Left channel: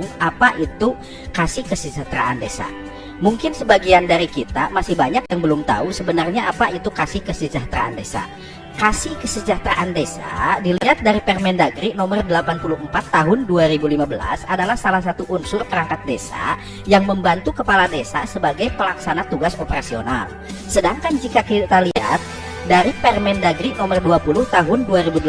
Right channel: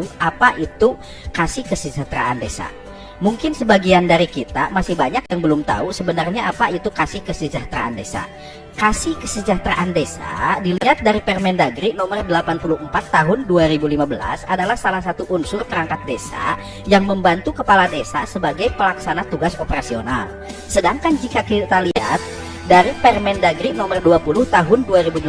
tahu apa itu kasih kesejahteraan desa. Mungkin sebagian dari kita masih banyak yang belum tahu sebenarnya apa itu kasih kesejahteraan desa. Kasih kesejahteraan desa dilihat dari Permendagri nomor 84 tahun 2015 adalah salah satu unsur perangkat desa yang membantu kepala desa sebagai pelaksana tugas operasional. Sedangkan jika kita lihat dari Permendagri nomor 20 tahun 2018,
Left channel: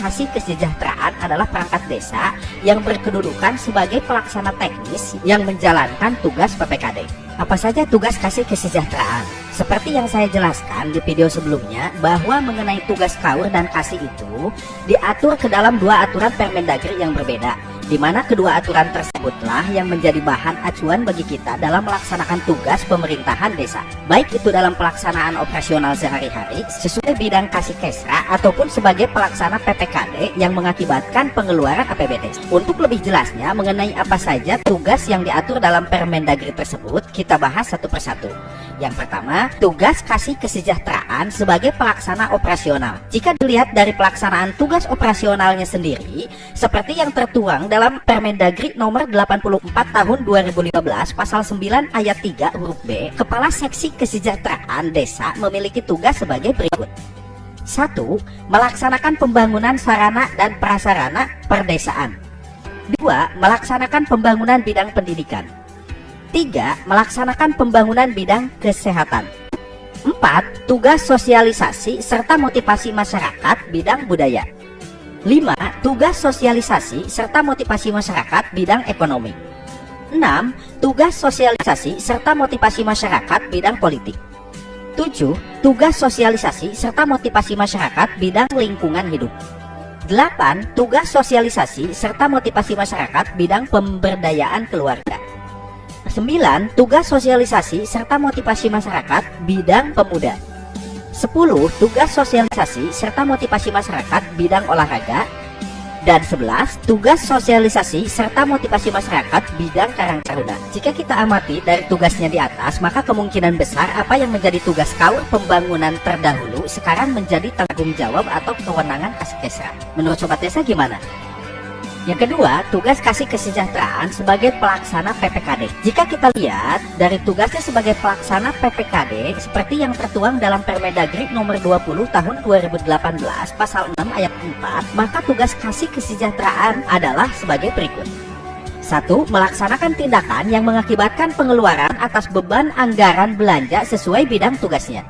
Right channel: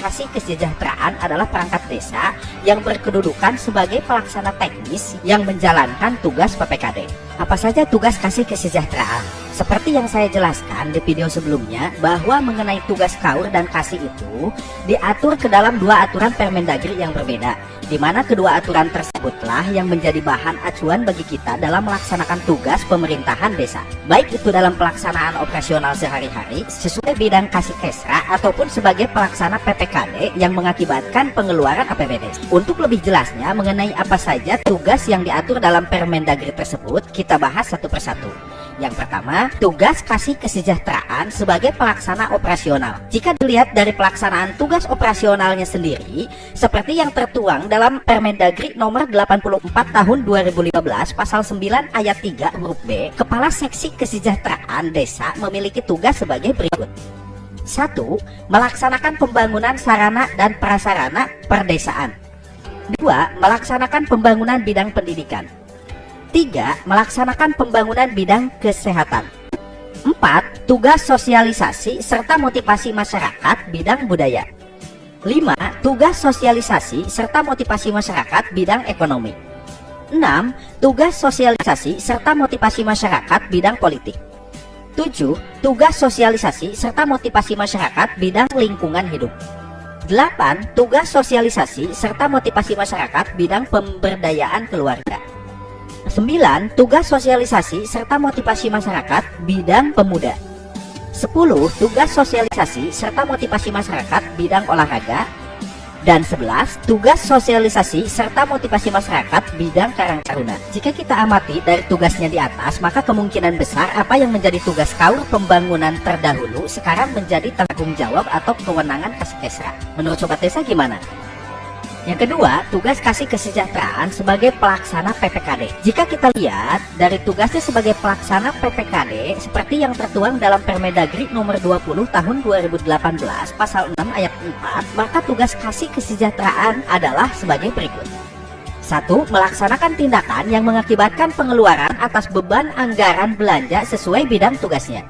kasih kesejahteraan adalah perangkat desa yang berkedudukan sebagai pelaksana teknis yang menjalankan tugas PPKD. Apa saja tugas kasih kesejahteraan? Seperti yang saya jelaskan di video sebelumnya, bahwa mengenai tugas KAUR dan kasih itu diatur ke dalam dua aturan Permendagri yang berbeda, di mana kedua aturan tersebutlah yang menjadi bahan acuan bagi kita dalam melaksanakan tugas pemerintahan desa, baik itu dalam pelaksanaan operasional sehari-hari sesuai bidang kasih kesra ataupun sebagai pelaksana PPKD yang mengakibatkan pengeluaran APBD. Untuk lebih jelasnya mengenai apa saja tugas yang diatur dalam Permendagri tersebut, kita bahas satu persatu. Yang pertama, tugas kasih kesejahteraan sebagai pelaksana operasional. Jika dilihat dari pelaksanaan tugas operasionalnya sendiri, seperti yang tertuang dalam Permendagri nomor 84 tahun 2015 pasal 9 ayat 3 huruf B, Kepala Seksi Kesejahteraan Desa memiliki tugas sebagai berikut. 1. Melaksanakan pembangunan sarana dan prasarana perdesaan. 2. Melaksanakan pembangunan bidang pendidikan. 3. Melaksanakan pembangunan bidang kesehatan. 4. Tugas sosialisasi serta motivasi masyarakat bidang budaya. 5. Tugas sosialisasi serta motivasi masyarakat bidang ekonomi. 6. Tugas sosialisasi serta motivasi masyarakat bidang politik. 7. Tugas sosialisasi serta motivasi masyarakat bidang lingkungan hidup. 8. Tugas sosialisasi serta motivasi masyarakat bidang pemberdayaan keluarga. 9. Tugas sosialisasi serta motivasi masyarakat bidang pemuda. 10. Tugas sosialisasi serta motivasi masyarakat bidang olahraga. Dan 11. Tugas sosialisasi serta motivasi masyarakat bidang karang taruna. Jika kita amati dari tugasnya di atas, maka kemungkinan besar apa yang menjadi tugas KAUR pembangunan terdahulu sekarang menjadi tanggung jawab atau kewenangan kasih kesra. Menurut Sobat Desa gimana? Yang kedua, tugas kasih kesejahteraan sebagai pelaksana PPKD. Jika kita lihat dari tugasnya sebagai pelaksana PPKD seperti yang tertuang dalam Permendagri nomor 20 tahun 2018 pasal 6 ayat 4, maka tugas kasih kesejahteraan adalah sebagai berikut. 1. Melaksanakan tindakan yang mengakibatkan pengeluaran atas beban anggaran belanja sesuai bidang tugasnya.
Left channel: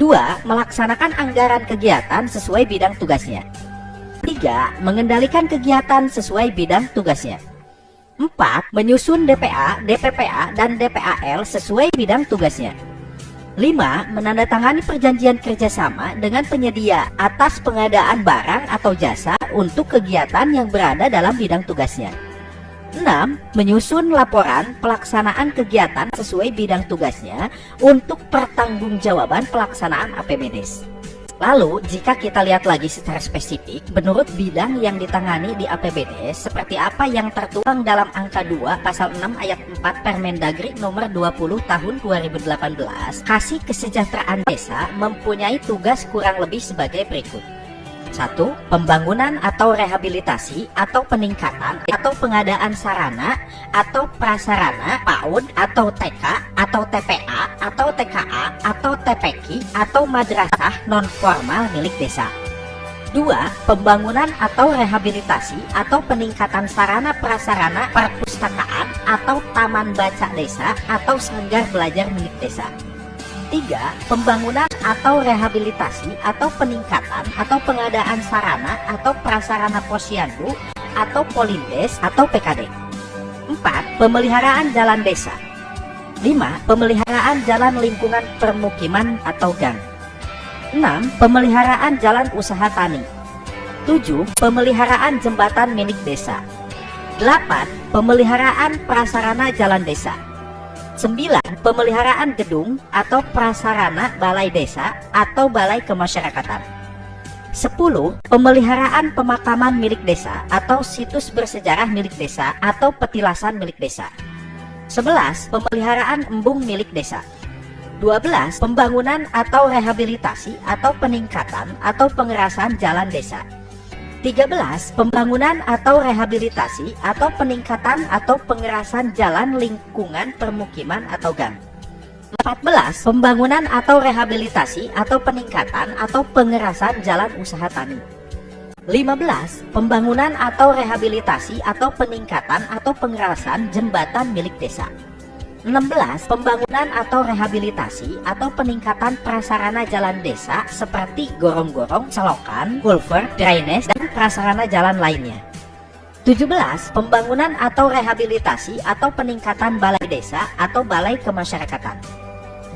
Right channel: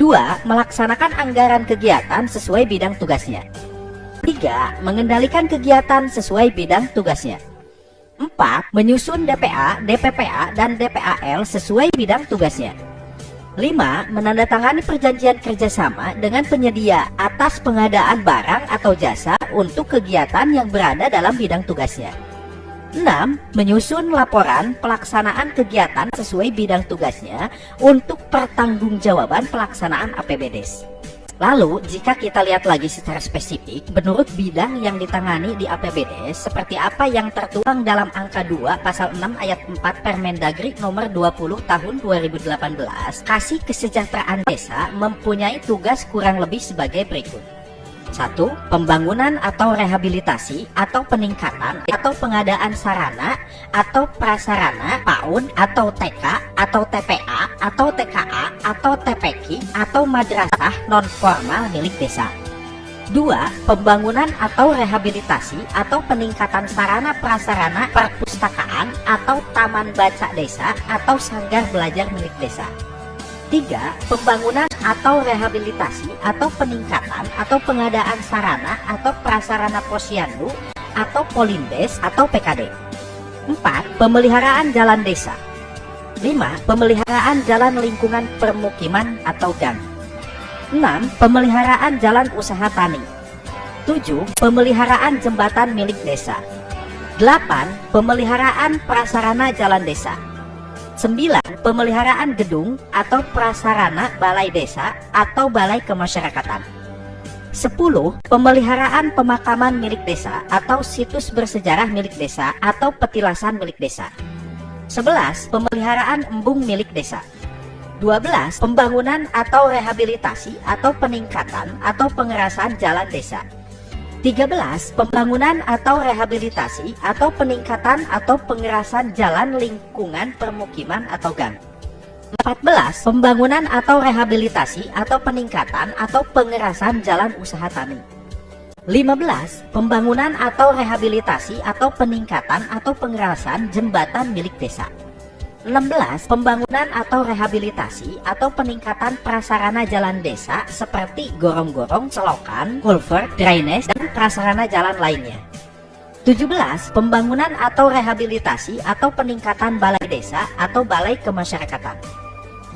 2. Melaksanakan anggaran kegiatan sesuai bidang tugasnya. 3. Mengendalikan kegiatan sesuai bidang tugasnya. 4. Menyusun DPA, DPPA, dan DPAL sesuai bidang tugasnya. 5. Menandatangani perjanjian kerjasama dengan penyedia atas pengadaan barang atau jasa untuk kegiatan yang berada dalam bidang tugasnya. 6. Menyusun laporan pelaksanaan kegiatan sesuai bidang tugasnya untuk pertanggungjawaban pelaksanaan APBDes. Lalu, jika kita lihat lagi secara spesifik, menurut bidang yang ditangani di APBD, seperti apa yang tertuang dalam angka 2 pasal 6 ayat 4 Permendagri nomor 20 tahun 2018, kasih kesejahteraan desa mempunyai tugas kurang lebih sebagai berikut. 1. Pembangunan atau rehabilitasi atau peningkatan atau pengadaan sarana atau prasarana PAUD atau TK atau TPA atau TKA atau TPQ atau madrasah non-formal milik desa. 2. Pembangunan atau rehabilitasi atau peningkatan sarana prasarana perpustakaan atau taman baca desa atau sanggar belajar milik desa. 3. Pembangunan atau rehabilitasi atau peningkatan atau pengadaan sarana atau prasarana posyandu atau polindes atau PKD. 4. Pemeliharaan jalan desa. 5. Pemeliharaan jalan lingkungan permukiman atau gang. 6. Pemeliharaan jalan usaha tani. 7. Pemeliharaan jembatan milik desa. 8. Pemeliharaan prasarana jalan desa. 9. Pemeliharaan gedung atau prasarana balai desa atau balai kemasyarakatan. 10. Pemeliharaan pemakaman milik desa atau situs bersejarah milik desa atau petilasan milik desa. 11. Pemeliharaan embung milik desa. 12. Pembangunan atau rehabilitasi atau peningkatan atau pengerasan jalan desa. 13. Pembangunan atau rehabilitasi atau peningkatan atau pengerasan jalan lingkungan permukiman atau gang. 14. Pembangunan atau rehabilitasi atau peningkatan atau pengerasan jalan usaha tani. 15. Pembangunan atau rehabilitasi atau peningkatan atau pengerasan jembatan milik desa. 16. Pembangunan atau rehabilitasi atau peningkatan prasarana jalan desa seperti gorong-gorong, selokan, kulvert, drainase, dan prasarana jalan lainnya. 17. Pembangunan atau rehabilitasi atau peningkatan balai desa atau balai kemasyarakatan.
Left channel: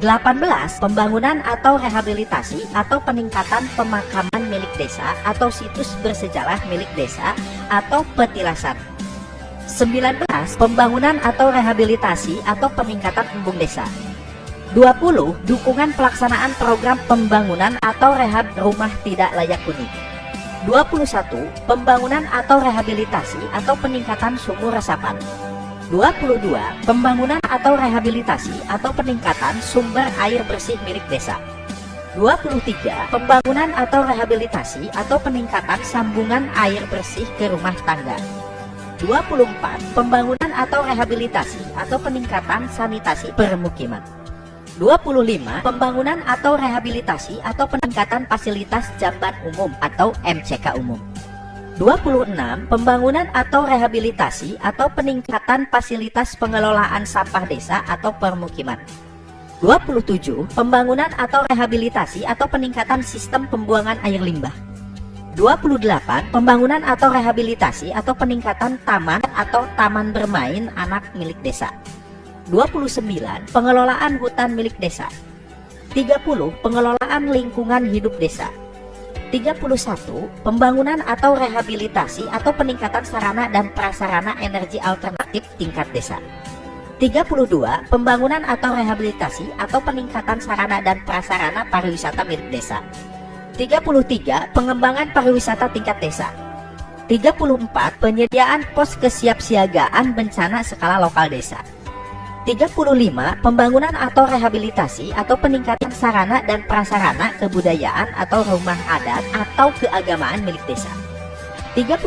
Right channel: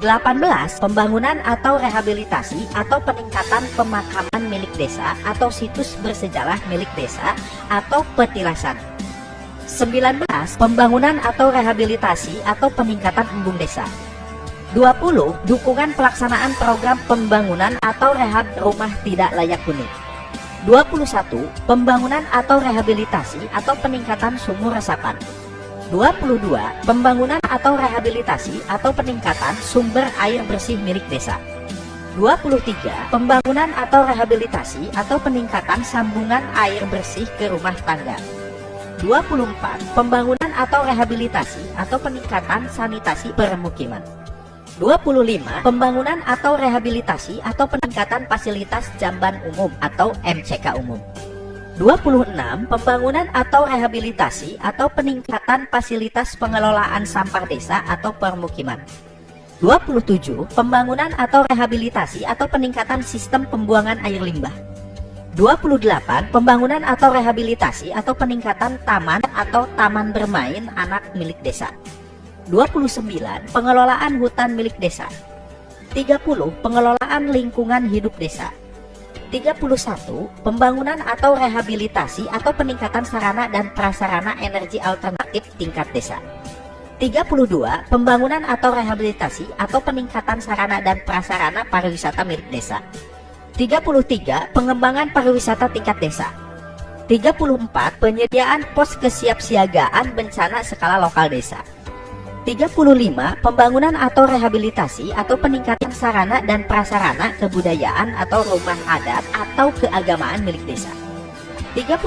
18. Pembangunan atau rehabilitasi atau peningkatan pemakaman milik desa atau situs bersejarah milik desa atau petilasan. 19. Pembangunan atau rehabilitasi atau peningkatan embung desa. 20. Dukungan pelaksanaan program pembangunan atau rehab rumah tidak layak huni. 21. Pembangunan atau rehabilitasi atau peningkatan sumur resapan. 22. Pembangunan atau rehabilitasi atau peningkatan sumber air bersih milik desa. 23. Pembangunan atau rehabilitasi atau peningkatan sambungan air bersih ke rumah tangga. 24. Pembangunan atau rehabilitasi atau peningkatan sanitasi permukiman. 25. Pembangunan atau rehabilitasi atau peningkatan fasilitas jamban umum atau MCK umum. 26. Pembangunan atau rehabilitasi atau peningkatan fasilitas pengelolaan sampah desa atau permukiman. 27. Pembangunan atau rehabilitasi atau peningkatan sistem pembuangan air limbah. 28. Pembangunan atau rehabilitasi atau peningkatan taman atau taman bermain anak milik desa. 29. Pengelolaan hutan milik desa. 30. Pengelolaan lingkungan hidup desa. 31. Pembangunan atau rehabilitasi atau peningkatan sarana dan prasarana energi alternatif tingkat desa. 32. Pembangunan atau rehabilitasi atau peningkatan sarana dan prasarana pariwisata milik desa. 33. Pengembangan pariwisata tingkat desa. 34. Penyediaan pos kesiapsiagaan bencana skala lokal desa. 35. Pembangunan atau rehabilitasi atau peningkatan sarana dan prasarana kebudayaan atau rumah adat atau keagamaan milik desa. 36.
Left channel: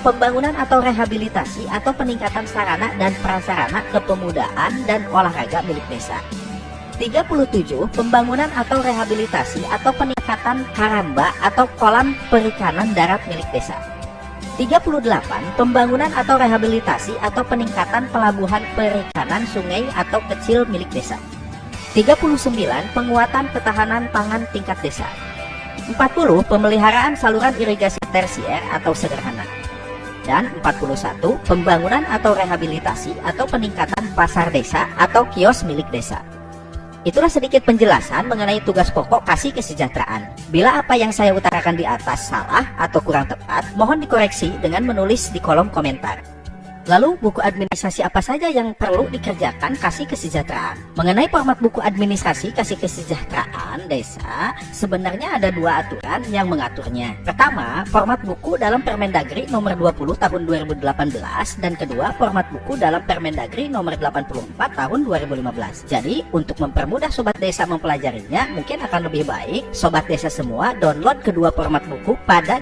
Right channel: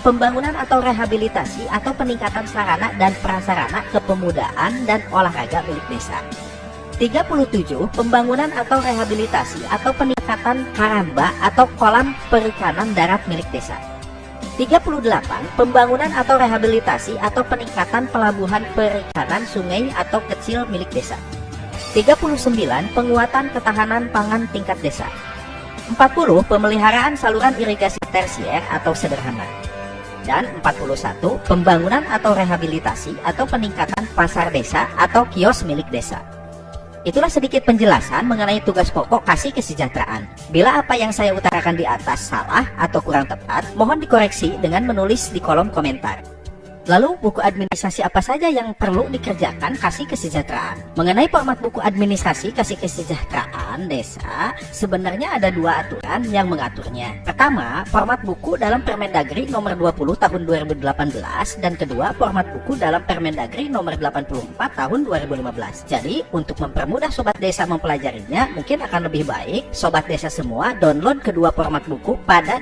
Pembangunan atau rehabilitasi atau peningkatan sarana dan prasarana kepemudaan dan olahraga milik desa. 37. Pembangunan atau rehabilitasi atau peningkatan haramba atau kolam perikanan darat milik desa. 38. Pembangunan atau rehabilitasi atau peningkatan pelabuhan perikanan sungai atau kecil milik desa. 39. Penguatan ketahanan pangan tingkat desa. 40. Pemeliharaan saluran irigasi tersier atau sederhana. Dan 41. Pembangunan atau rehabilitasi atau peningkatan pasar desa atau kios milik desa. Itulah sedikit penjelasan mengenai tugas pokok Kasih Kesejahteraan. Bila apa yang saya utarakan di atas salah atau kurang tepat, mohon dikoreksi dengan menulis di kolom komentar. Lalu, buku administrasi apa saja yang perlu dikerjakan Kasih Kesejahteraan? Mengenai format buku administrasi Kasih Kesejahteraan Desa, sebenarnya ada dua aturan yang mengaturnya. Pertama, format buku dalam Permendagri nomor 20 tahun 2018, dan kedua, format buku dalam Permendagri nomor 84 tahun 2015. Jadi, untuk mempermudah Sobat Desa mempelajarinya, mungkin akan lebih baik Sobat Desa semua download kedua format buku pada